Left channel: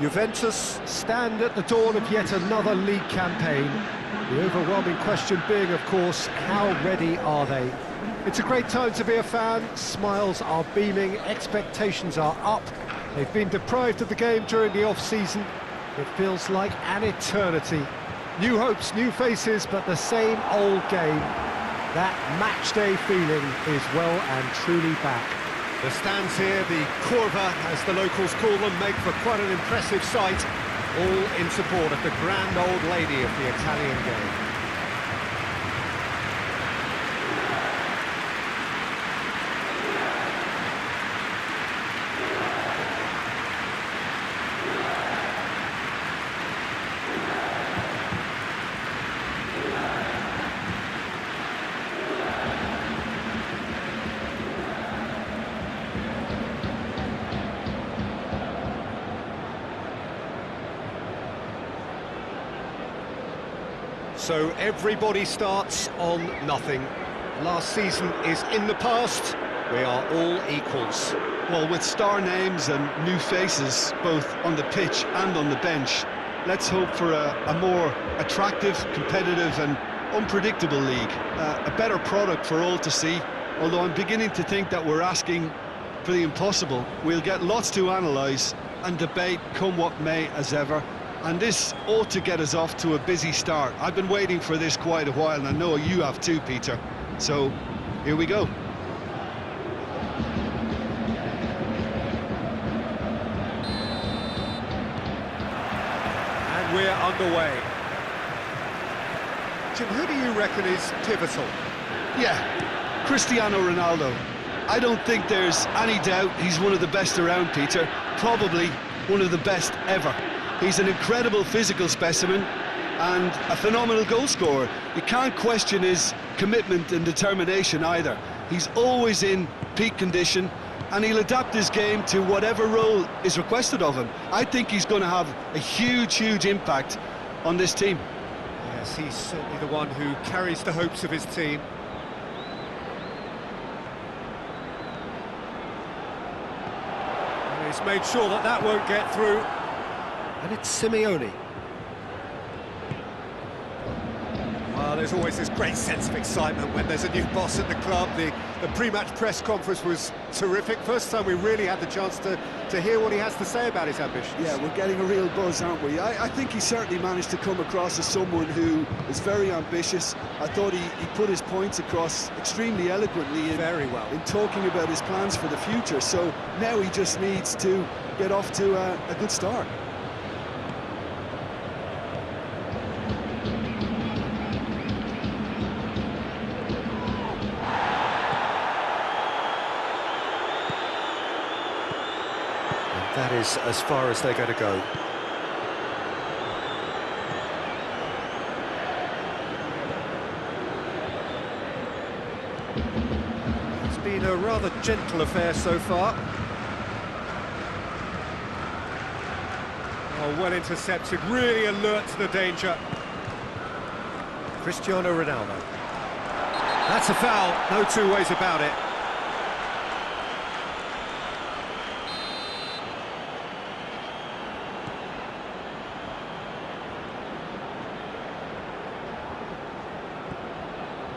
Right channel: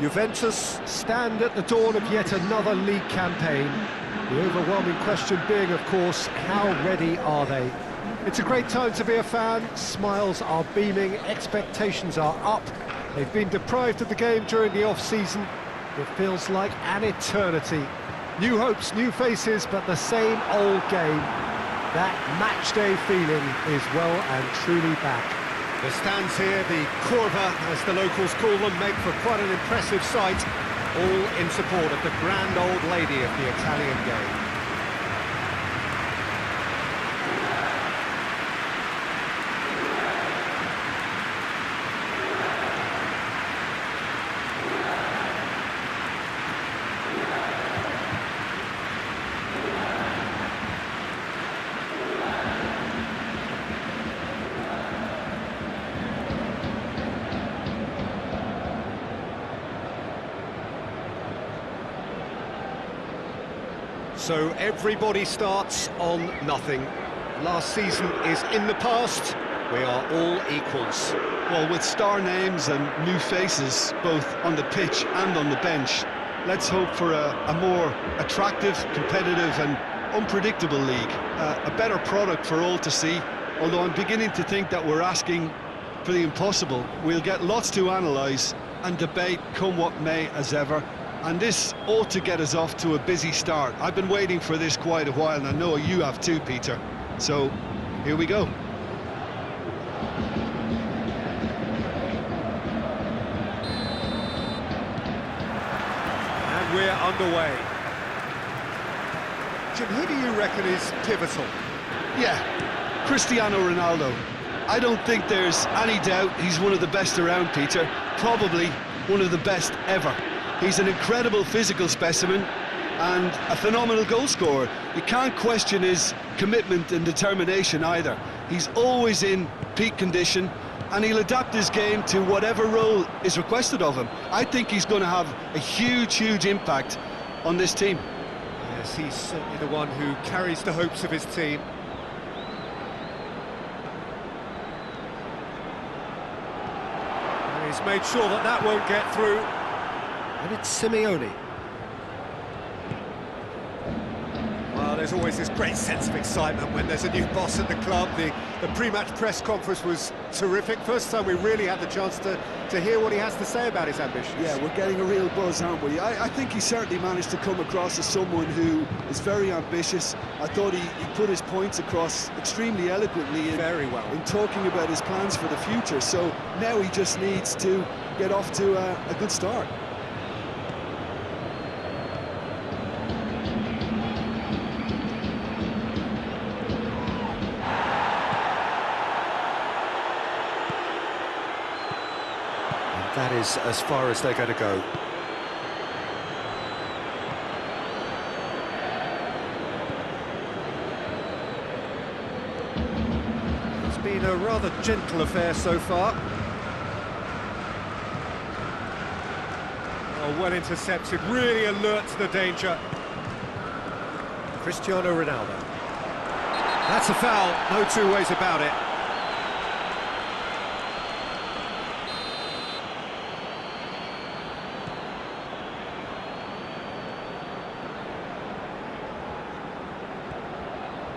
Juventus stand at the dawn of yet another league campaign. The overwhelming question being, of course, how ready are they? It's a great time to be a fan. Smiles are beaming, expectations are up. They've been deprived of the game during the off-season. It feels like an eternity. New hopes, new faces, but the same old game. That match-day feeling is well and truly back. The stands here, the curva, as the locals call them, make for quite an impressive sight, all in support of the grand old lady of the Italian game. So everybody starts on nothing. Last season is in the past. We are all equals. Well, with star names and new faces, both on the pitch and on the bench, let's hope for a more attractive, competitive and unpredictable league. A better product for all to see, although I'm beginning to think that we're asking for the impossible. We'll get lots to analyse and debate, come what may, as ever. And this ought to get us off to a busy start. I've been waiting for this quite a while, and I know you have too, Peter. So, here we go. And we're underway. Jim, who do you reckon is pivotal? Yeah, Cristiano Ronaldo. I don't think there's any doubt he's one of the best around, Peter. Probably one of the best ever. He's an incredible physical specimen and a phenomenal goal scorer. You can't question his commitment and determination either. He's always in peak condition and he'll adapt his game to whatever role is requested of him. I think he's going to have a huge impact on this team. Yes, he's certainly the one who carries the hopes of his team. And he's made sure that that won't get through. And it's Simeone. Well, there's always this great sense of excitement when there's a new boss at the club. The pre-match press conference was terrific. First time we really had the chance to hear what he has to say about his ambitions. Yeah, we're getting a real buzz, aren't we? I think he certainly managed to come across as someone who is very ambitious. I thought he put his points across extremely eloquently Very well in talking about his plans for the future. So now he just needs to get off to a good start. That is as far as they're going to go. It's been a rather gentle affair so far. Oh, well intercepted, really alert to the danger. Cristiano Ronaldo. That's a foul, no two ways about it.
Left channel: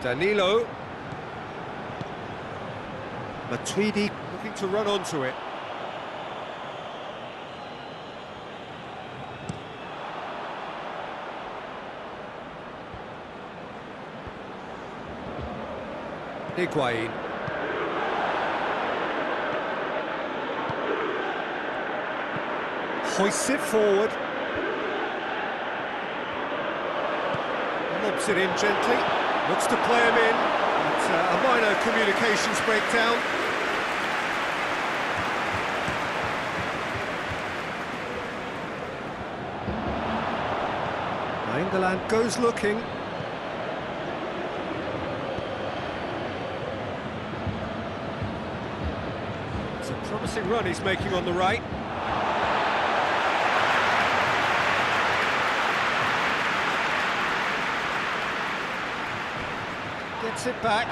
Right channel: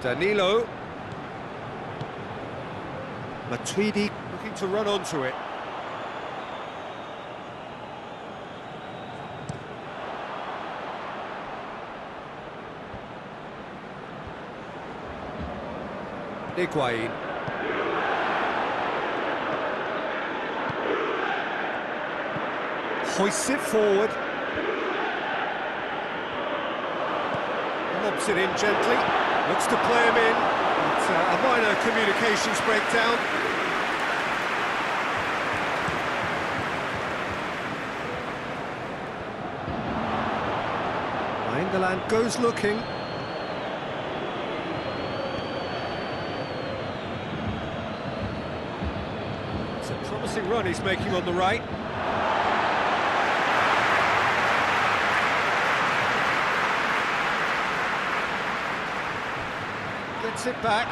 Danilo. Matuidi looking to run onto it. Higuain. Hoists it forward. Lobs it in gently. Looks to play him in, but a minor communications breakdown. England goes looking. It's a promising run he's making on the right. Gets it back.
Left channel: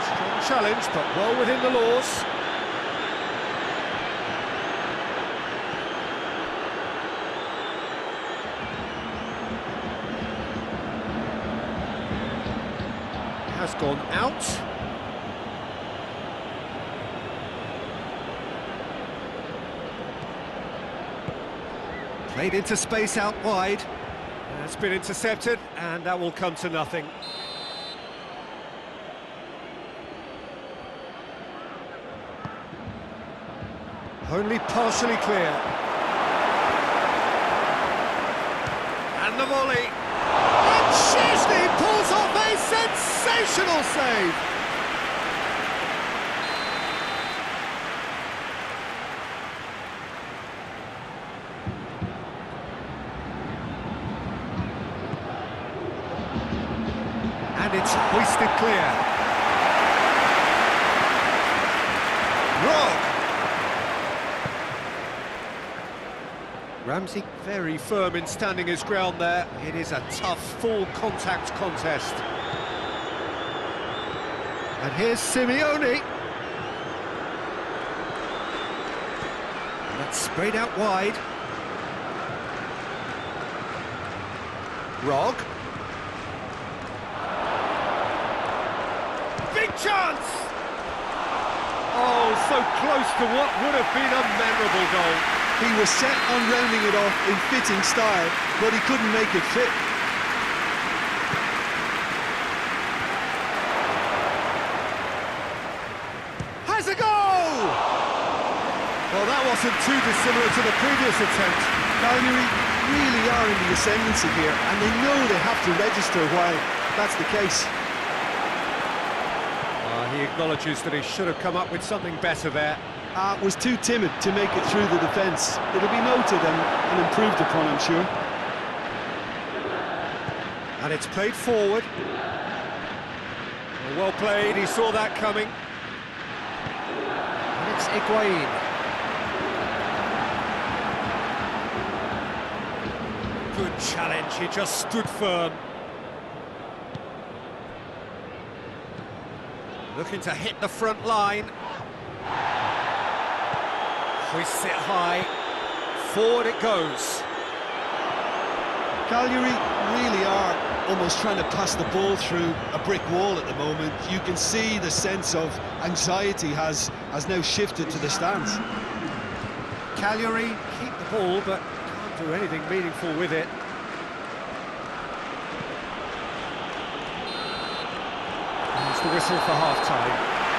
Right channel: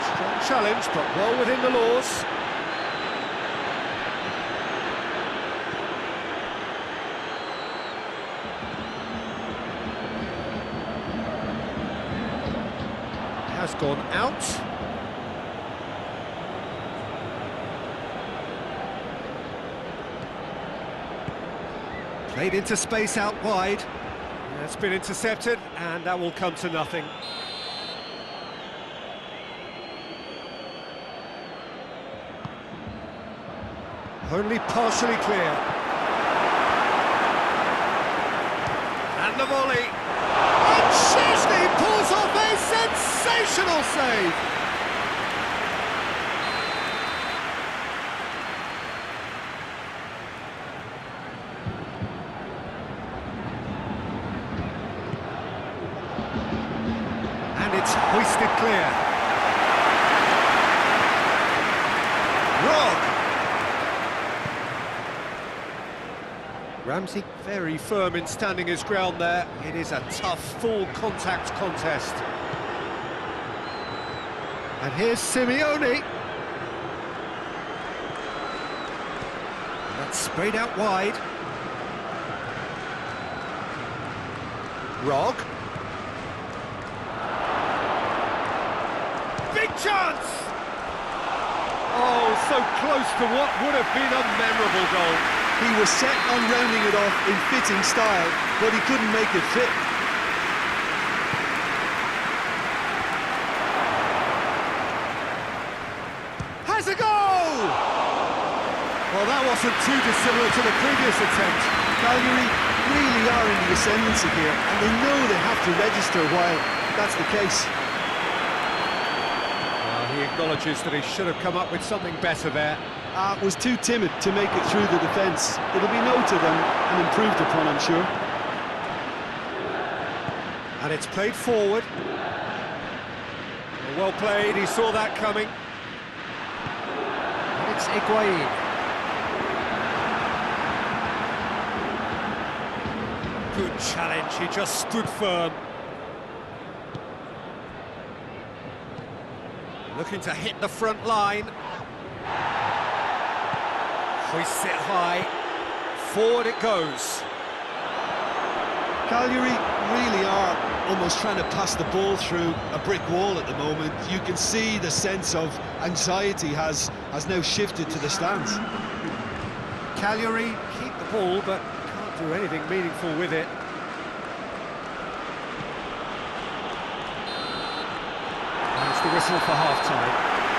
Strong challenge, but well within the laws. Has gone out. Played into space out wide. That's been intercepted, and that will come to nothing. Only partially clear. And the volley. And Szczesny pulls off a sensational save. And it's hoisted clear. Rog. Ramsey very firm in standing his ground there. It is a tough, full contact contest. And here's Simeone. And that's sprayed out wide. Rog. Big chance! Oh, so close to what would have been a memorable goal. He was set on rounding it off in fitting style, but he couldn't make it fit. Has a goal! Well, that wasn't too dissimilar to the previous attempt. Cagllari really are in the ascendancy here, and they know they have to register while that's the case. He acknowledges that he should have come up with something better there. Was too timid to make it through the defence. It'll be noted and improved upon, I'm sure. And it's played forward. Well played, he saw that coming. And it's Higuain. Good challenge, he just stood firm. Looking to hit the front line. Hoists it high. Forward it goes. Cagllari really are almost trying to pass the ball through a brick wall at the moment. You can see the sense of anxiety has now shifted to the stands. Cagllari keep the ball, but can't do anything meaningful with it. It's the whistle for half-time.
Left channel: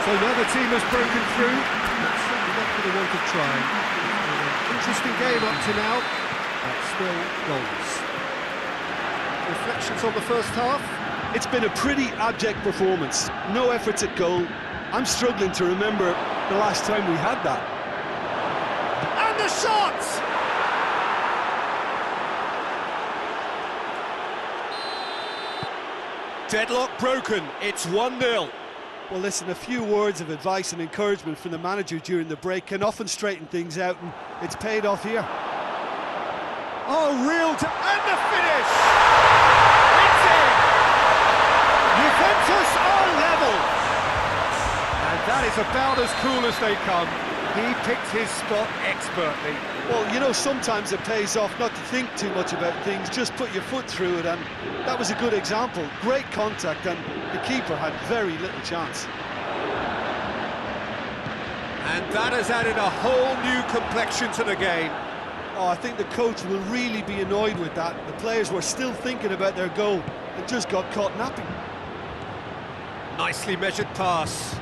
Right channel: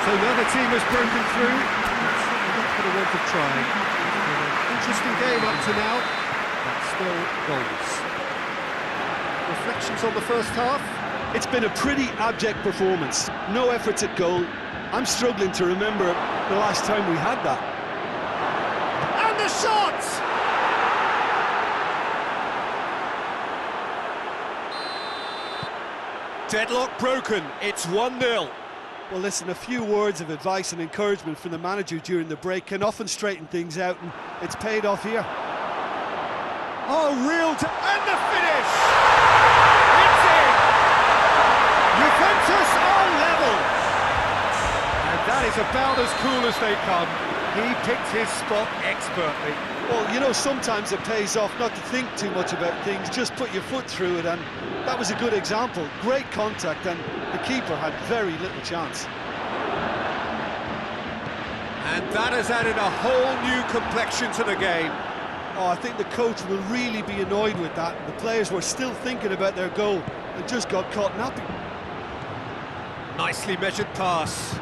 So now the team has broken through. That's certainly not for the want of trying. It's been an interesting game up to now, but still goals. Reflections on the first half? It's been a pretty abject performance. No efforts at goal. I'm struggling to remember the last time we had that. And the shot! Deadlock broken, it's 1-0. Well, listen, a few words of advice and encouragement from the manager during the break can often straighten things out, and it's paid off here. Oh, and the finish! It's in! Juventus are level! And that is about as cool as they come. He picked his spot expertly. Well, you know, sometimes it pays off not to think too much about things, just put your foot through it, and that was a good example. Great contact, and the keeper had very little chance. And that has added a whole new complexion to the game. Oh, I think the coach will really be annoyed with that. The players were still thinking about their goal and just got caught napping. Nicely measured pass.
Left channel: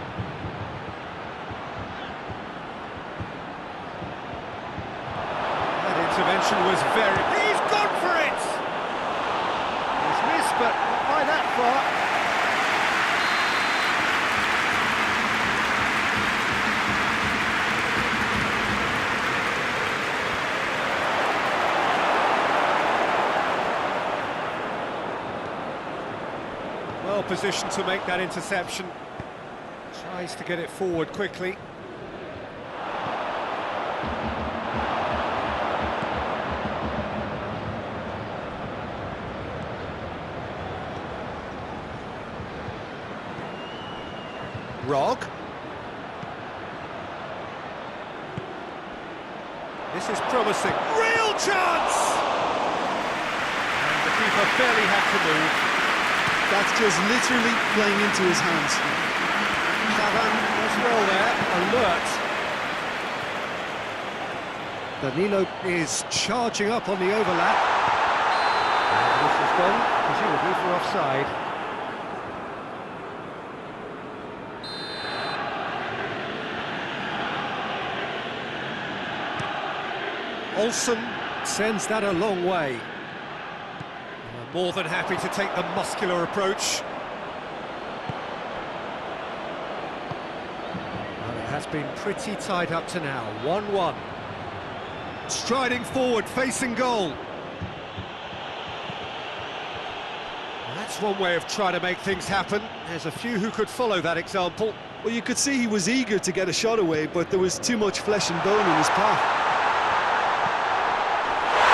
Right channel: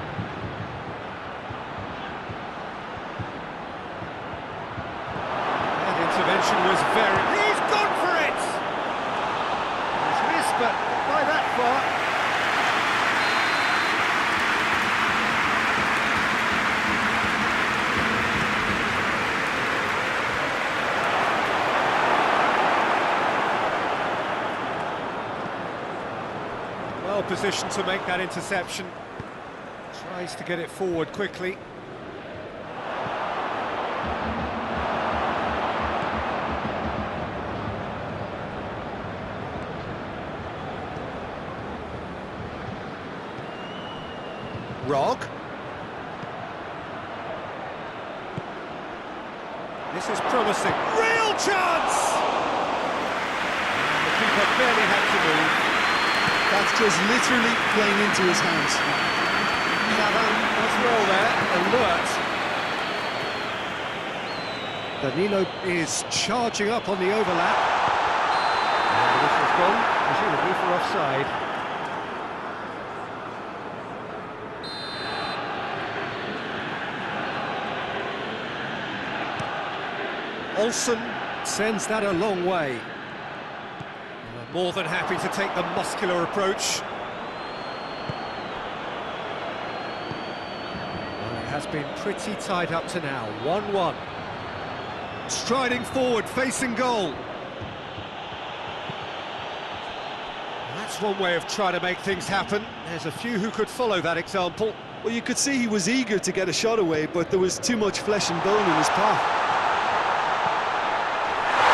That intervention was very... He's gone for it! He's missed, but not by that far. Well positioned to make that interception. Tries to get it forward quickly. Rog. This is promising. Real chance! goalkeeper barely had to move. That's just literally playing into his hands. Chavan as well there, alert. Danilo is charging up on the overlap. And the whistle's gone, presumably for offside. Olsen sends that a long way. More than happy to take the muscular approach. Well, it has been pretty tied up to now, 1-1. Striding forward, facing goal. Well, that's one way of trying to make things happen. There's a few who could follow that example. Well, you could see he was eager to get a shot away, but there was too much flesh and bone in his path.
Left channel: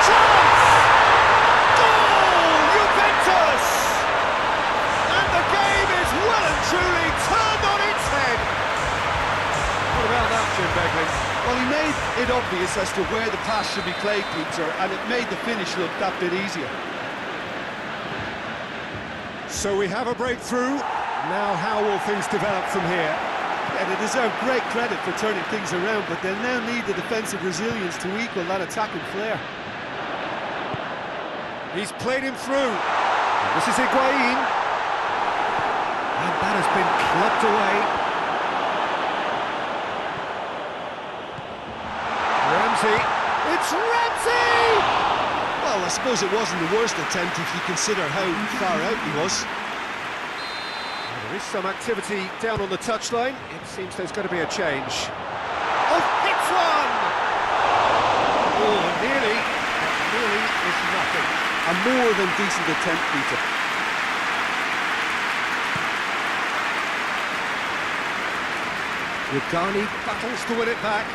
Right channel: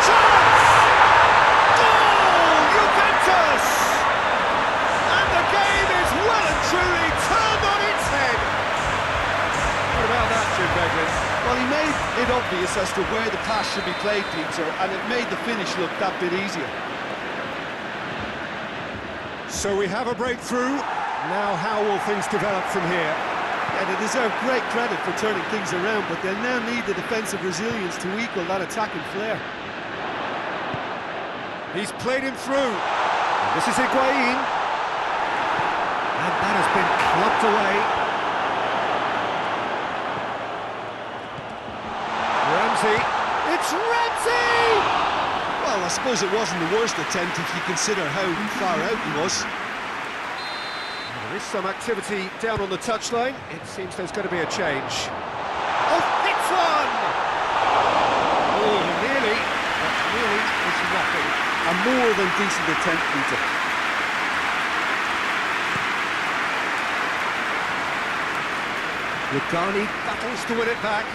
Chance! Goal! Juventus! And the game is well and truly turned on its head. What about that, Jim Beglin? Well, he made it obvious as to where the pass should be played, Peter, and it made the finish look that bit easier. So we have a breakthrough. Now how will things develop from here? Yeah, they deserve great credit for turning things around, but they'll now need the defensive resilience to equal that attacking flair. He's played him through. And this is Higuain. And that has been clubbed away. Ramsey. It's Ramsey! Well, I suppose it wasn't the worst attempt if you consider how far out he was. Well, there is some activity down on the touchline. It seems there's going to be a change. Oh, hits one! Oh, nearly, but nearly is nothing. A more than decent attempt, Peter. Yagani battles to win it back.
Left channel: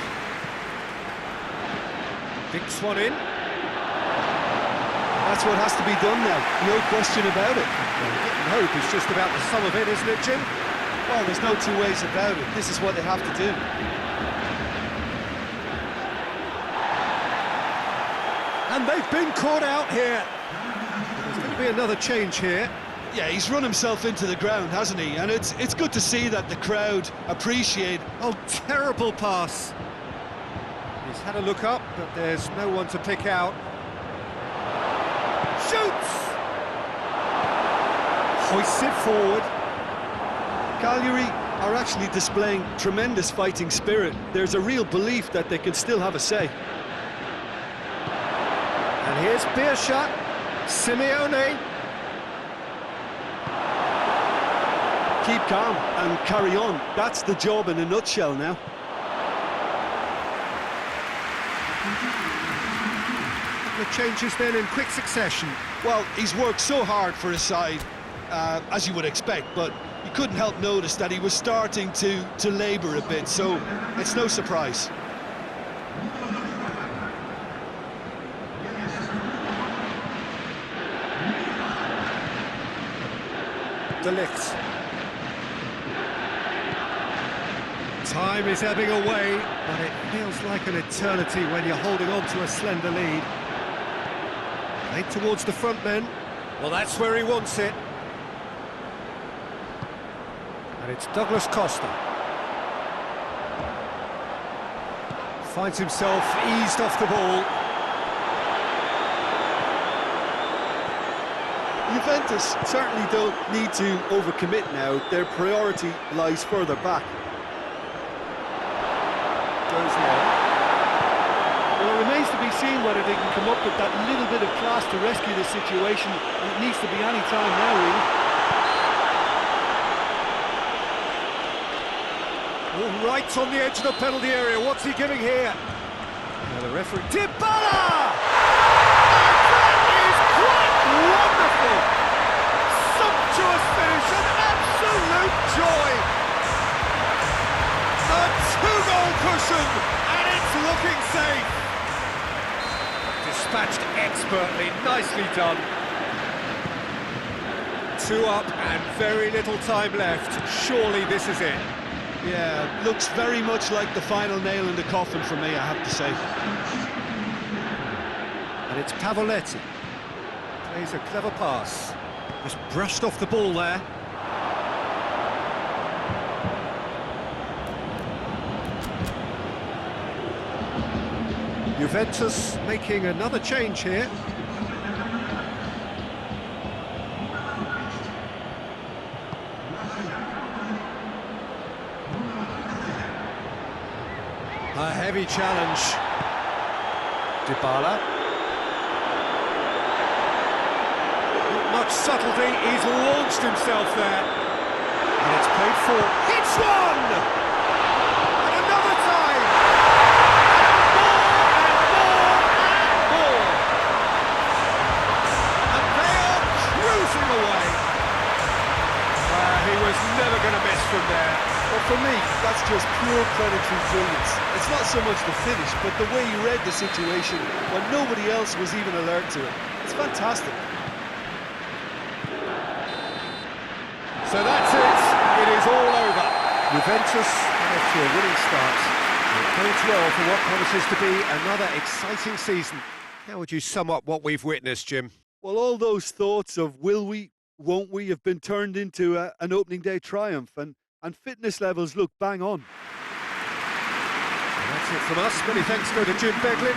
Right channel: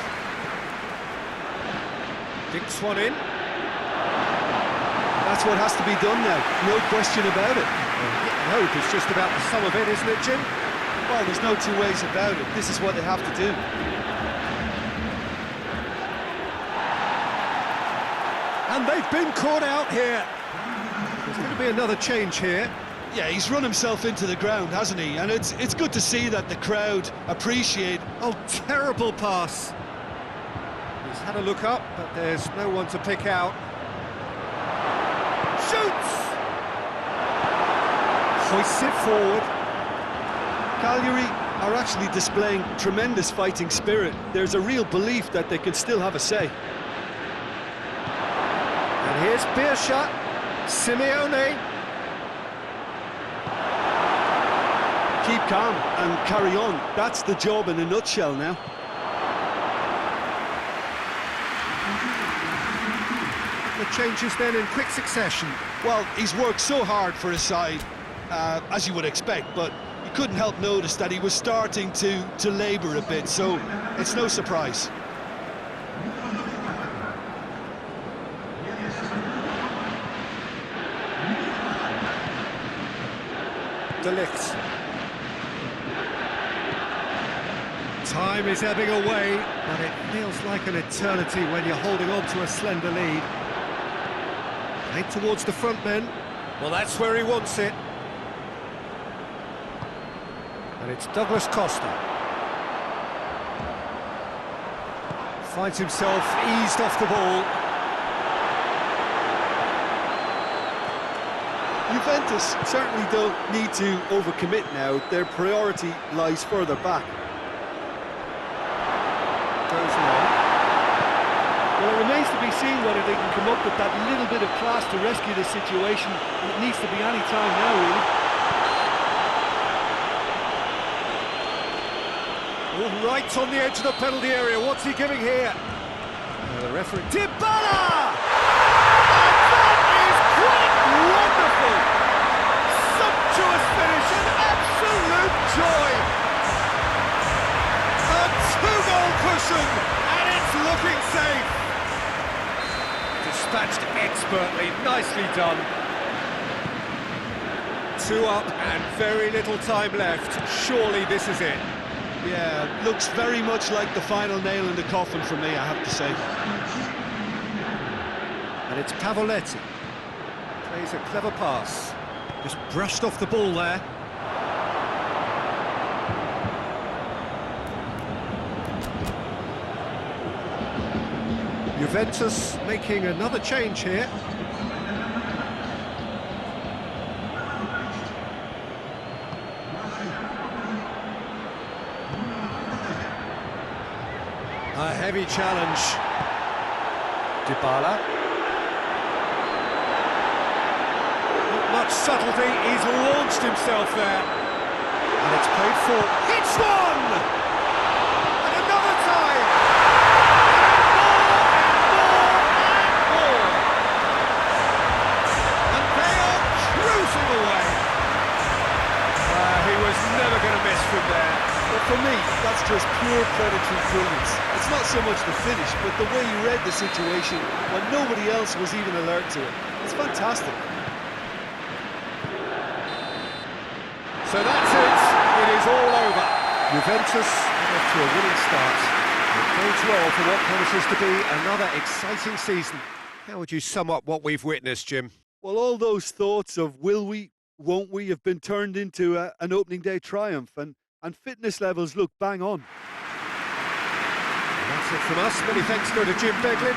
Dinks one in. That's what has to be done now, no question about it. Well, getting hope is just about the sum of it, isn't it, Jim? Well, there's no two ways about it. This is what they have to do. And they've been caught out here. But there's going to be another change here. Yeah, he's run himself into the ground, hasn't he? And it's good to see that the crowd appreciate... Oh, terrible pass. He's had a look up, but there's no one to pick out. Shoots! Hoists it forward. Cagllari are actually displaying tremendous fighting spirit. There's a real belief that they can still have a say. And here's Birsha, Simeone. Keep calm and carry on. That's the job in a nutshell now. The changes then in quick succession. Well, he's worked so hard for his side, as you would expect, but you couldn't help notice that he was starting to labour a bit, so it's no surprise. De Ligt. Time is ebbing away, but it feels like an eternity when you're holding on to a slender lead. Played towards the front men. Well, that's where he wants it. And it's Douglas Costa. Finds himself eased off the ball. Juventus certainly don't need to overcommit now. Their priority lies further back. Goes long. Well, it remains to be seen whether they can come up with that little bit of class to rescue the situation, and it needs to be any time now, really. All right on the edge of the penalty area. What's he giving here? The referee... Dybala! And that is quite wonderful! Sumptuous finish, an absolute joy! A two-goal cushion, and it's looking safe! Dispatched expertly, nicely done. 2 up and very little time left. Surely this is it. Yeah, looks very much like the final nail in the coffin for me, I have to say. And it's Pavoletti. Plays a clever pass. Just brushed off the ball there. Juventus making another change here. A heavy challenge. Dybala. Not much subtlety, he's launched himself there. And it's played for. Hits one! And another time! And more and more and more! And they are cruising away. He was never going to miss from there. Well, for me, that's just pure predatory brilliance. It's not so much the finish, but the way he read the situation when nobody else was even alert to it. It's fantastic. So that's it. It is all over. Juventus get off to a winning start. It bodes well for what promises to be another exciting season. How would you sum up what we've witnessed, Jim? Well, all those thoughts of will we, won't we have been turned into an opening day triumph, and fitness levels look bang on. And that's it from us. Many thanks go to Jim Beglin.